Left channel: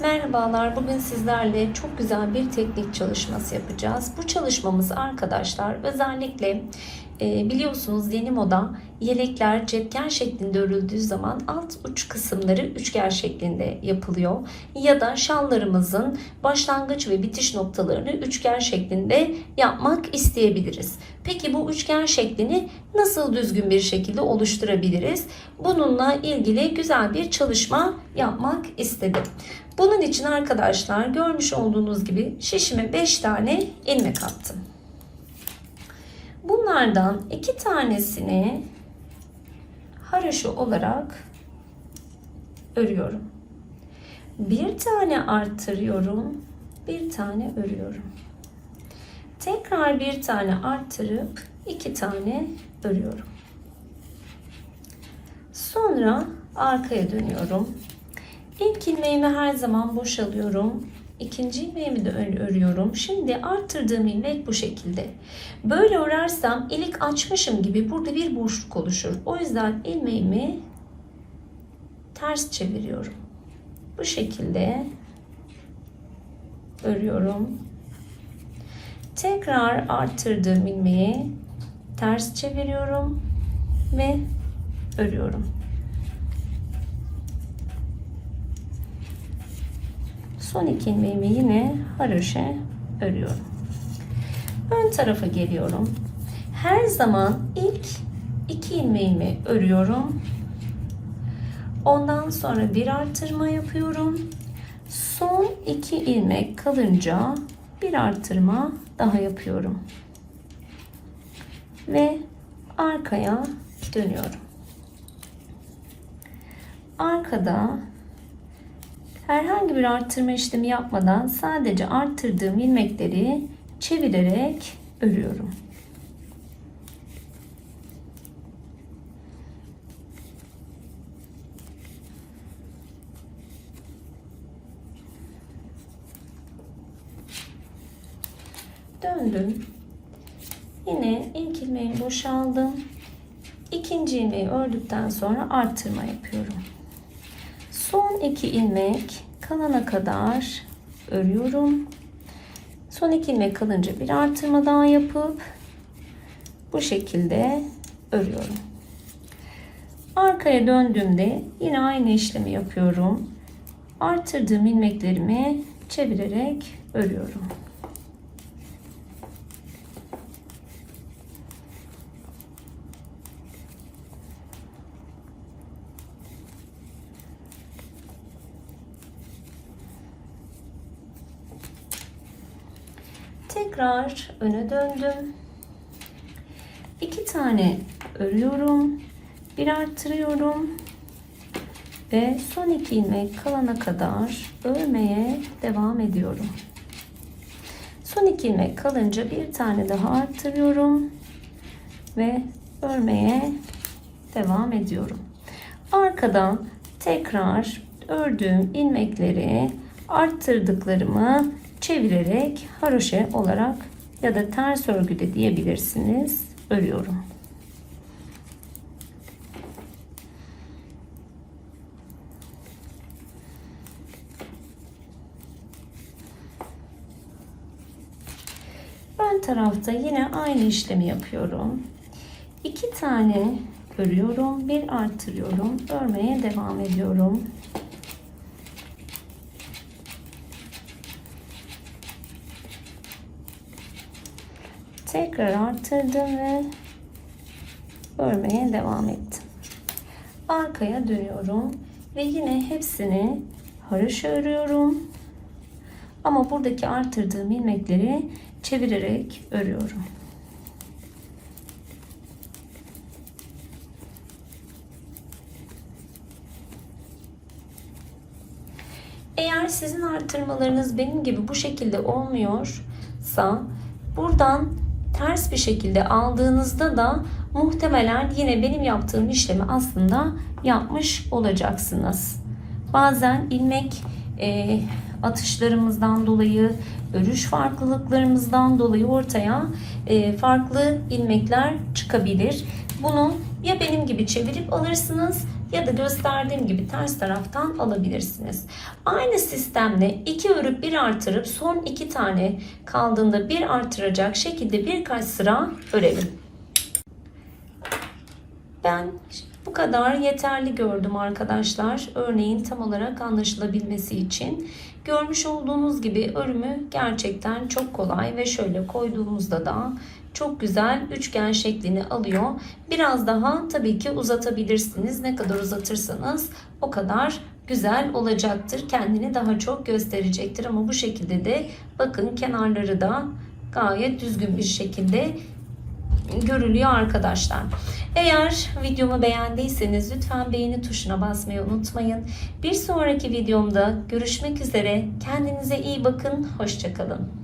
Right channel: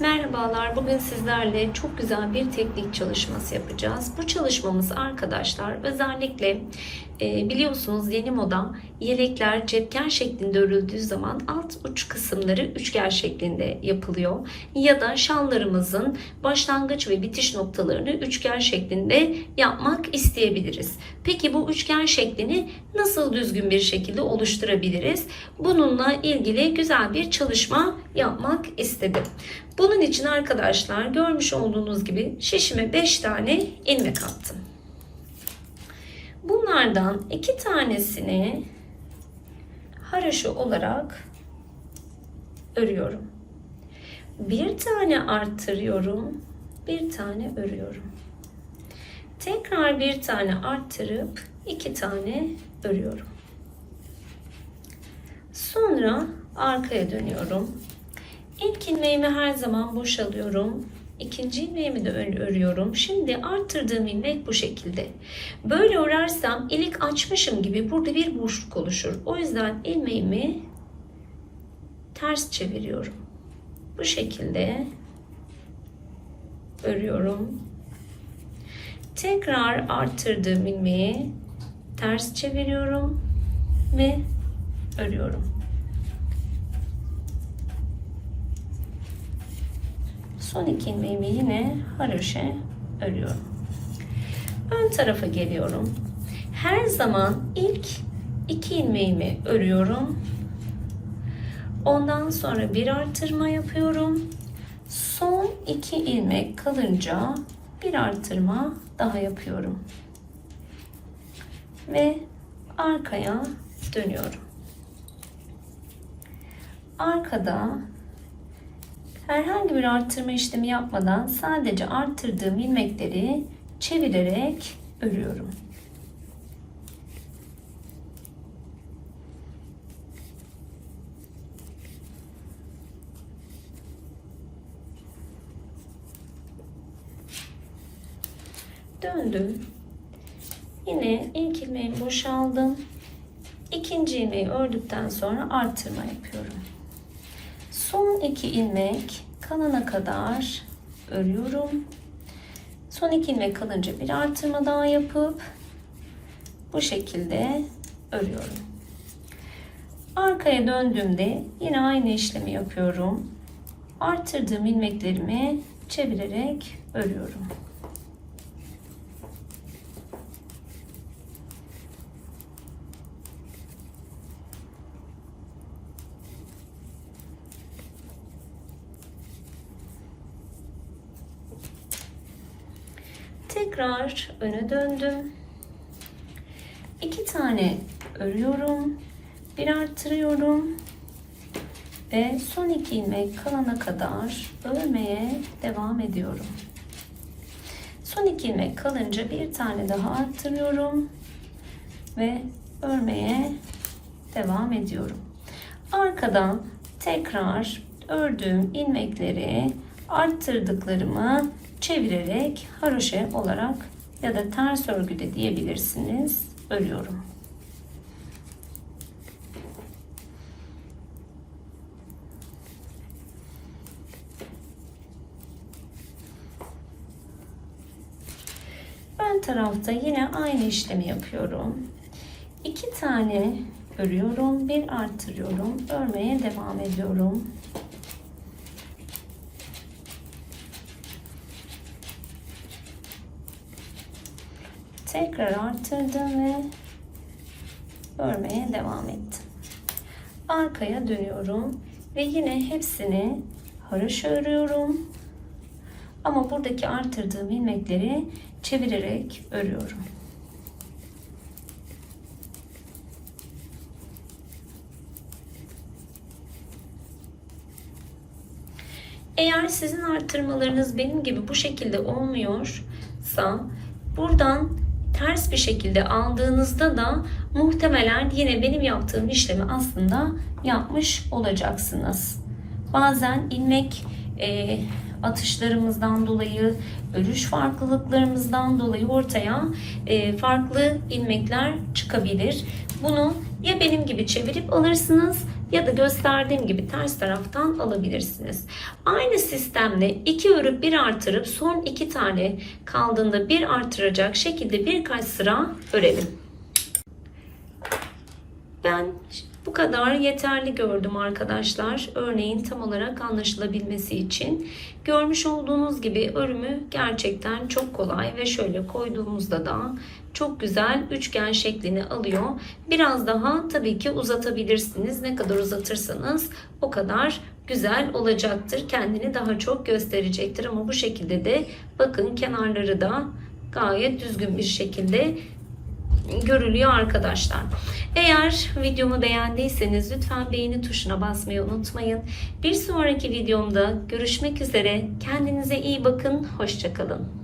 Merhabalar. Bugün sizlerle çok güzel bir teknik çalışması yapacağız. Bu çalışmamız arkadaşlar özellikle e, biliyorsunuz yeni moda yelekler cepken şeklinde örüldüğü zaman alt uç kısımları üçgen şeklinde yapılıyor. Ya da şallarımızın başlangıç ve bitiş noktalarını üçgen şeklinde yapmak isteyebiliriz. Peki bu üçgen şeklini nasıl düzgün bir şekilde oluşturabiliriz? Bununla ilgili güzel bir çalışma yapmak istedim. Bunun için arkadaşlar görmüş olduğunuz gibi şişime 5 tane ilmek attım. Bunlardan iki tanesini haroşa olarak örüyorum. Bir tane arttırıyorum, bir tane örüyorum. Tekrar bir tane arttırıp iki tane örüyorum. Sonra arkaya dönüyorum. İlk ilmeğimi her zaman boşalıyorum. İkinci ilmeğimi de örüyorum. Şimdi arttırdığım ilmek bu şekilde. Böyle örersem ilik açmışım gibi burada bir boşluk oluşur. O yüzden ilmeğimi ters çeviriyorum. Bu şekilde örüyorum. Tekrar arttırdığım ilmeği ters çeviriyorum ve örüyorum. Son iki ilmeğimi yine haroşe örüyorum. Ön tarafa geliyorum. Her zaman ilk iki ilmeğimi örüyorum. Ondan sonra bir artırma yapıyorum. Son iki ilmek kalınca bir artırma daha yapıyorum. Ve arkaya dönüyorum. Arkada herhangi bir arttırma işlemi yapmadan sadece arttırdığım ilmekleri çevirerek örüyorum. Döndüm. Yine ilk ilmeği boşaldım. İkinci ilmeği ördükten sonra artırma yapıyorum. Son iki ilmek kalana kadar örüyorum. Son iki ilmek kalınca bir artırma daha yapıp bu şekilde örüyorum. Arkaya döndüğümde yine aynı işlemi yapıyorum. Artırdığım ilmeklerimi çevirerek örüyorum. Tekrar öne döndüm. İki tane örüyorum. Bir arttırıyorum. Ve son iki ilmek kalana kadar örmeye devam ediyorum. Son iki ilmek kalınca bir tane daha arttırıyorum. Ve örmeye devam ediyorum. Arkadan tekrar ördüğüm ilmekleri arttırdıklarımı çevirerek haroşe olarak ya da ters örgü de diyebilirsiniz. Örüyorum. Ön tarafta yine aynı işlemi yapıyorum. İki tane örüyorum, bir artırıyorum, örmeye devam ediyorum. Tekrar arttırdım ve örmeye devam ettim. Arkaya dönüyorum ve yine hepsini haroşa örüyorum. Ama buradaki arttırdığım ilmekleri çevirerek örüyorum. Eğer sizin arttırmalarınız benim gibi bu şekilde olmuyorsa buradan ters bir şekilde aldığınızda da muhtemelen yine benim yaptığım işlemi aslında yapmış olacaksınız. Bazen ilmek e, atışlarımızdan dolayı, örüş farklılıklarımızdan dolayı ortaya e, farklı ilmekler çıkabilir. Bunu ya benim gibi çevirip alırsınız ya da gösterdiğim gibi ters taraftan alabilirsiniz. Aynı sistemle iki örüp bir artırıp son iki tane kaldığında bir artıracak şekilde birkaç sıra örelim. Ben bu kadar yeterli gördüm arkadaşlar. Örneğin tam olarak anlaşılabilmesi için. Görmüş olduğunuz gibi örümü gerçekten çok kolay ve şöyle koyduğumuzda da çok güzel üçgen şeklini alıyor. Biraz daha tabii ki uzatabilirsiniz. Ne kadar uzatırsanız o kadar güzel olacaktır. Kendini daha çok gösterecektir ama bu şekilde de bakın kenarları da gayet düzgün bir şekilde görülüyor arkadaşlar. Eğer videomu beğendiyseniz lütfen beğeni tuşuna basmayı unutmayın. Bir sonraki videomda görüşmek üzere. Kendinize iyi bakın. Hoşçakalın.